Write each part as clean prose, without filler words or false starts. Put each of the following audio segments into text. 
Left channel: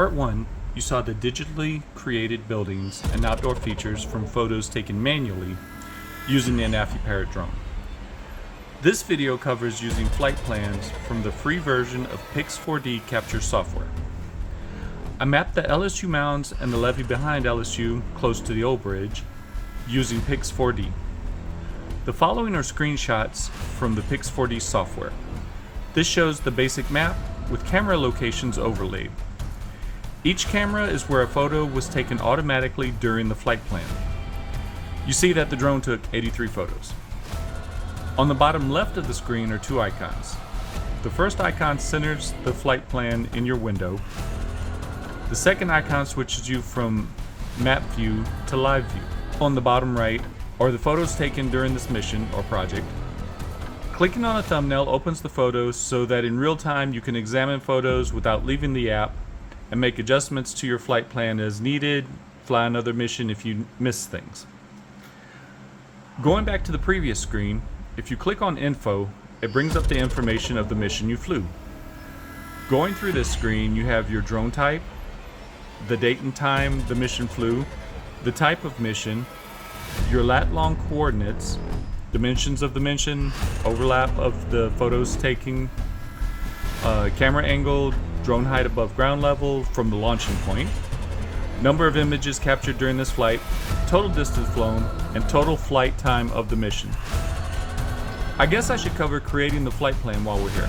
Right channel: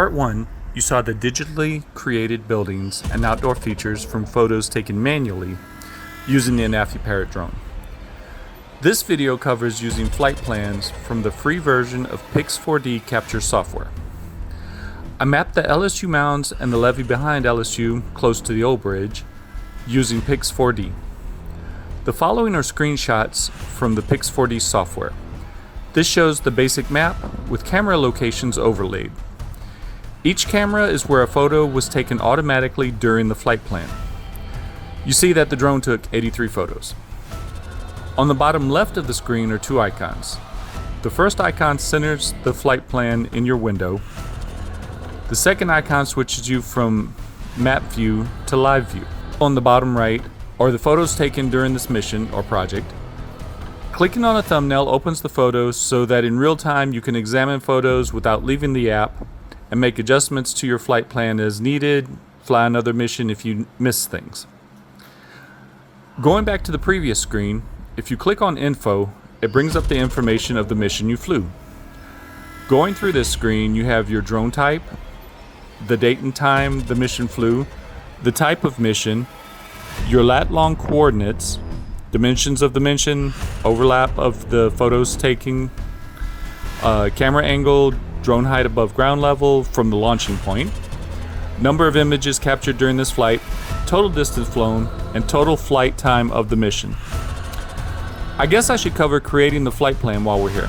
part 1, you saw the digitally created buildings and outdoor features from photos taken manually using the Anafi Parrot drone. This video covers using flight plans from the free version of Pix4D Capture software. I mapped the LSU Mounds and the levee behind LSU close to the old bridge using Pix4D. The following are screenshots from the Pix4D software. This shows the basic map with camera locations overlaid. Each camera is where a photo was taken automatically during the flight plan. You see that the drone took 83 photos. On the bottom left of the screen are two icons. The first icon centers the flight plan in your window. The second icon switches you from map view to live view. On the bottom right are the photos taken during this mission or project. Clicking on a thumbnail opens the photos so that in real time you can examine photos without leaving the app and make adjustments to your flight plan as needed, fly another mission if you miss things. Going back to the previous screen, if you click on Info, it brings up the information of the mission you flew. Going through this screen, you have your drone type, the date and time the mission flew, the type of mission, your lat-long coordinates, dimensions of the mission, overlap of the photos taken, camera angle, drone height above ground level from the launching point, number of images captured during this flight, total distance flown, and total flight time of the mission. I guess I should cover creating the flight plan while we're here.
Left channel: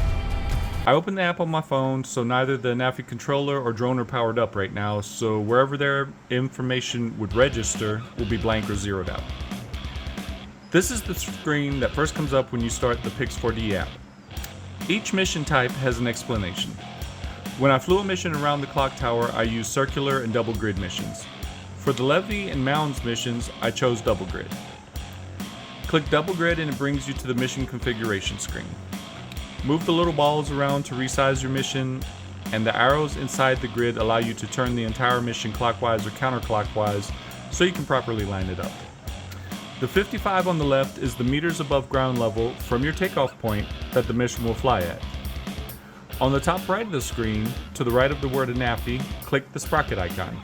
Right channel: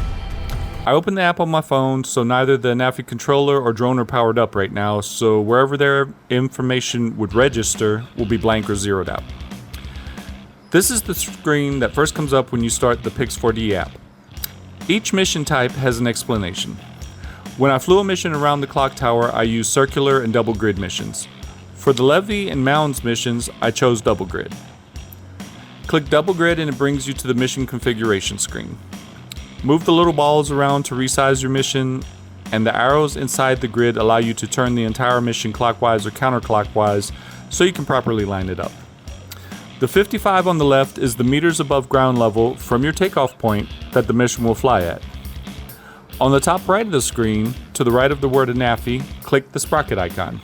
I opened the app on my phone, so neither the Anafi controller or drone are powered up right now, so wherever their information would register will be blank or zeroed out. This is the screen that first comes up when you start the Pix4D app. Each mission type has an explanation. When I flew a mission around the clock tower, I used circular and double grid missions. For the levee and mounds missions, I chose double grid. Click double grid and it brings you to the mission configuration screen. Move the little balls around to resize your mission, and the arrows inside the grid allow you to turn the entire mission clockwise or counterclockwise so you can properly line it up. The 55 on the left is the meters above ground level from your takeoff point that the mission will fly at. On the top right of the screen, to the right of the word Anafi, click the sprocket icon.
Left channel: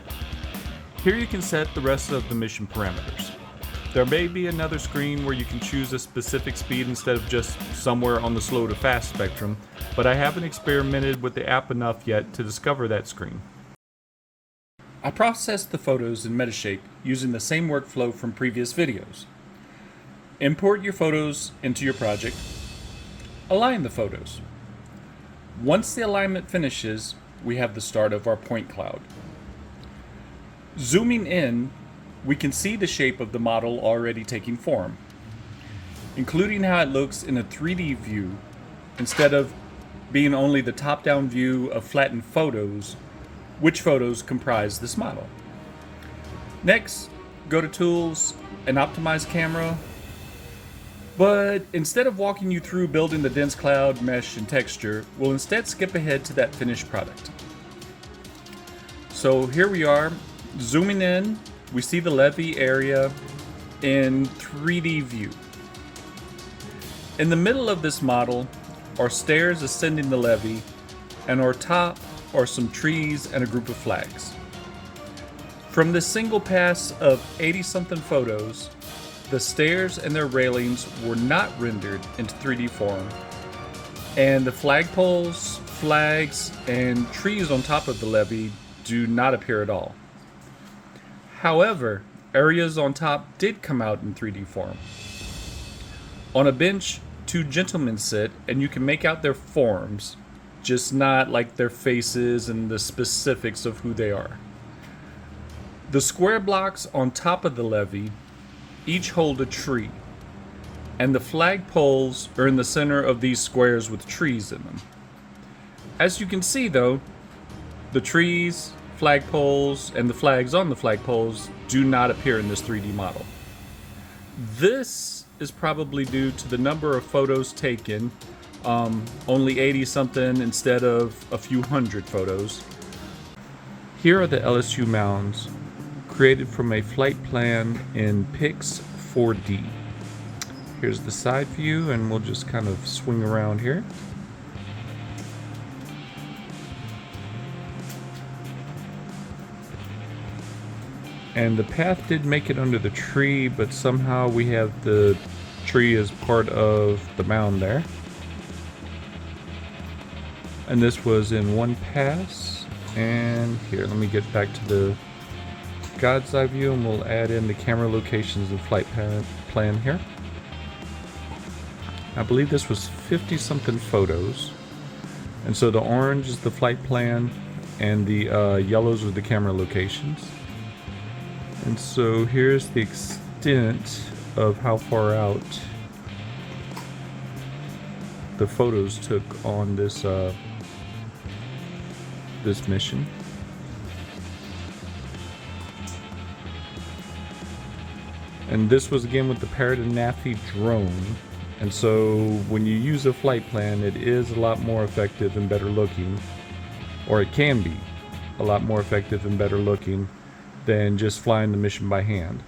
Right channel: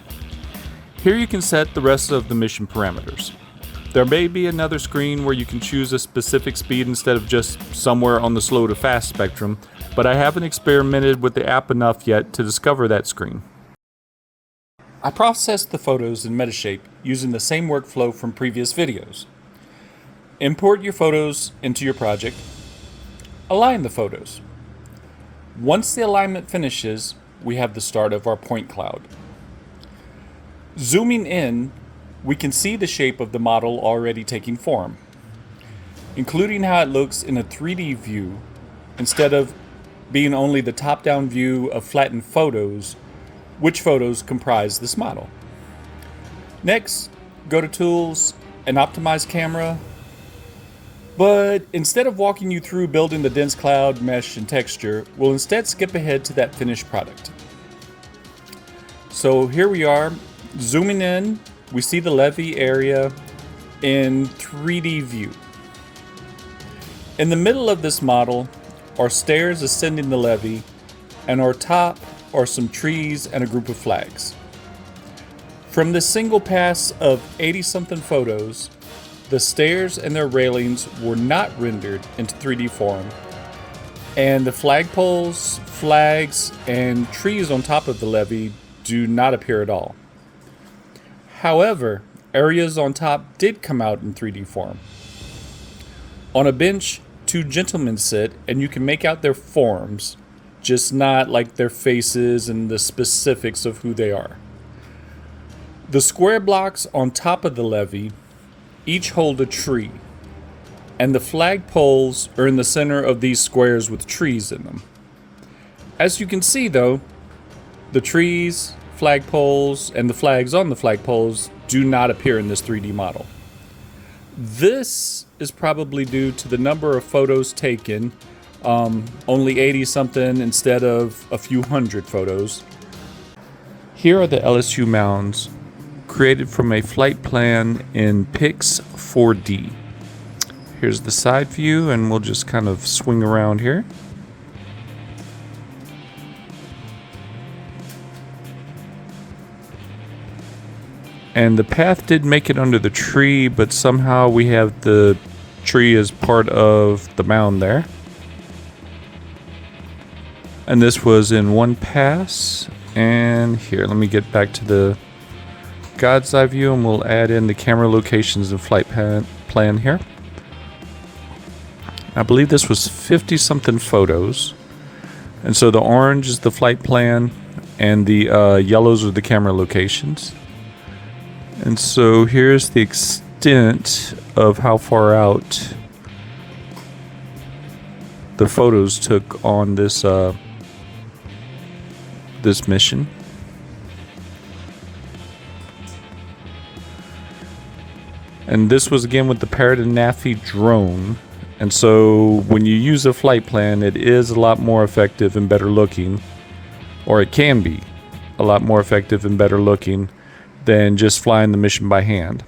Here you can set the rest of the mission parameters. There may be another screen where you can choose a specific speed instead of just somewhere on the slow to fast spectrum, but I haven't experimented with the app enough yet to discover that screen. I processed the photos in Metashape using the same workflow from previous videos. Import your photos into your project. Align the photos. Once the alignment finishes, we have the start of our point cloud. Zooming in, we can see the shape of the model already taking form, including how it looks in a 3D view instead of being only the top-down view of flattened photos, which photos comprise this model. Next, go to Tools and Optimize Camera, but instead of walking you through building the dense cloud, mesh, and texture, we'll instead skip ahead to that finished product. So here we are, zooming in, we see the levee area in 3D view. In the middle of this model are stairs ascending the levee, and on top are some trees and a group of flags. From this single pass of 80-something photos, the stairs and their railings were not rendered into 3D form, and the flagpoles, flags, and trees on top of the levee do not appear at all. However, areas on top did come out in 3D form. On a bench, two gentlemen sit, and you can make out their forms, just not like their faces and the specifics of who they are. The square blocks on top of the levee each hold a tree, and the flag poles are in the center of these squares with trees in them. As you can see though, the trees, flagpoles, and the flags on the flagpoles do not appear in this 3D model. This is probably due to the number of photos taken, only 80 something instead of a few hundred photos. Here are the LSU Mounds, created from a flight plan in Pix4D. Here's the side view, and we'll just kind of swing around here. And the path did make it under the tree, but somehow we have the tree as part of the mound there. And this was in one pass. And here, let me get back to the God's eye view, and we'll add in the camera locations and flight plan here. I believe this was 50 something photos. And so the orange is the flight plan, and the yellows are the camera locations. And so here's the extent of how far out the photos took on this this mission. And this was again with the Parrot and Naffy drone. And so when you use a flight plan, it is a lot more effective and better looking, or it can be a lot more effective and better looking than just flying the mission by hand.